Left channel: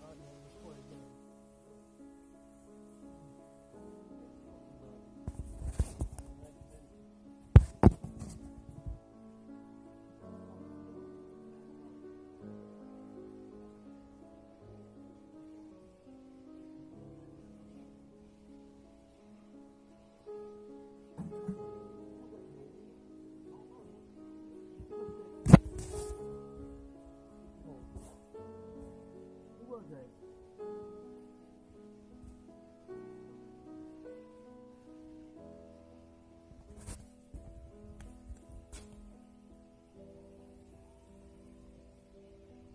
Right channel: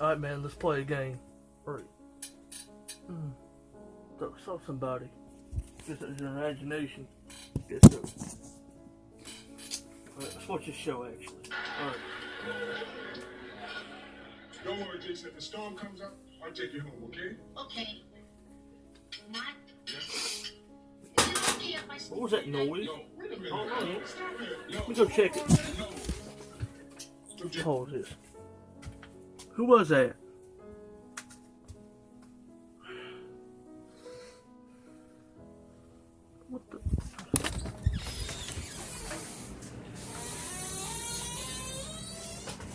Alright, man, let's play a game. Alright. Saw somebody. Guess it was your imagination. Guess so. Alright, let's watch this show, actually. Alright. Don't worry, Jason. If the storm comes up, I'll take you home, okay? Okay. Not. What was that noise? Yo, wait a minute. Oh, no. Stop it. Let me go check it. No. Pause this. Who was that? What the?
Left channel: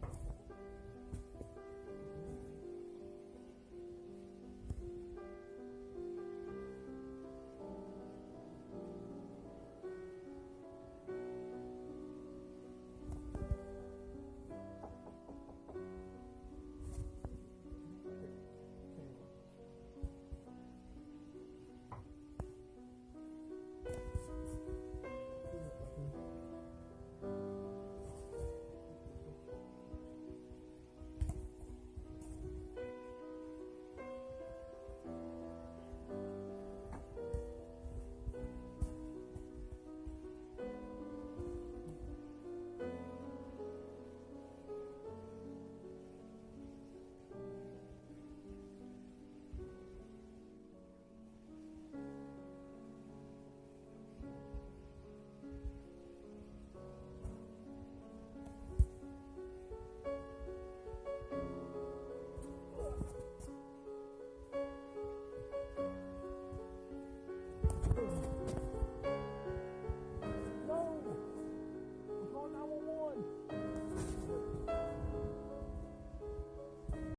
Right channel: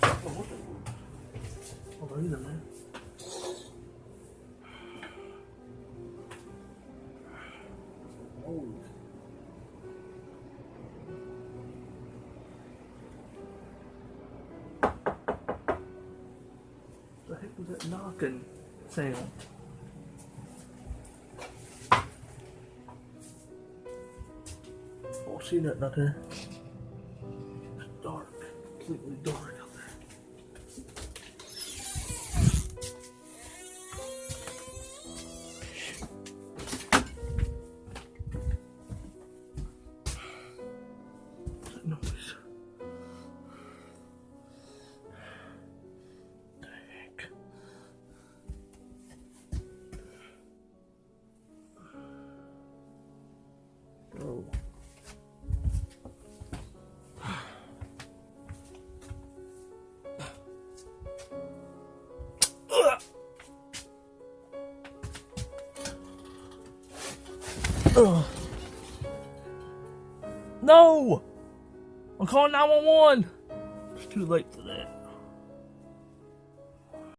Oh, what the? Oh, wait a minute. Oh. The heck was that knocking sound? Oh, see nothing out there. It's dark, completely dark out there. What's that noise? What the heck? Oh. Ugh. No! I'm calling 911!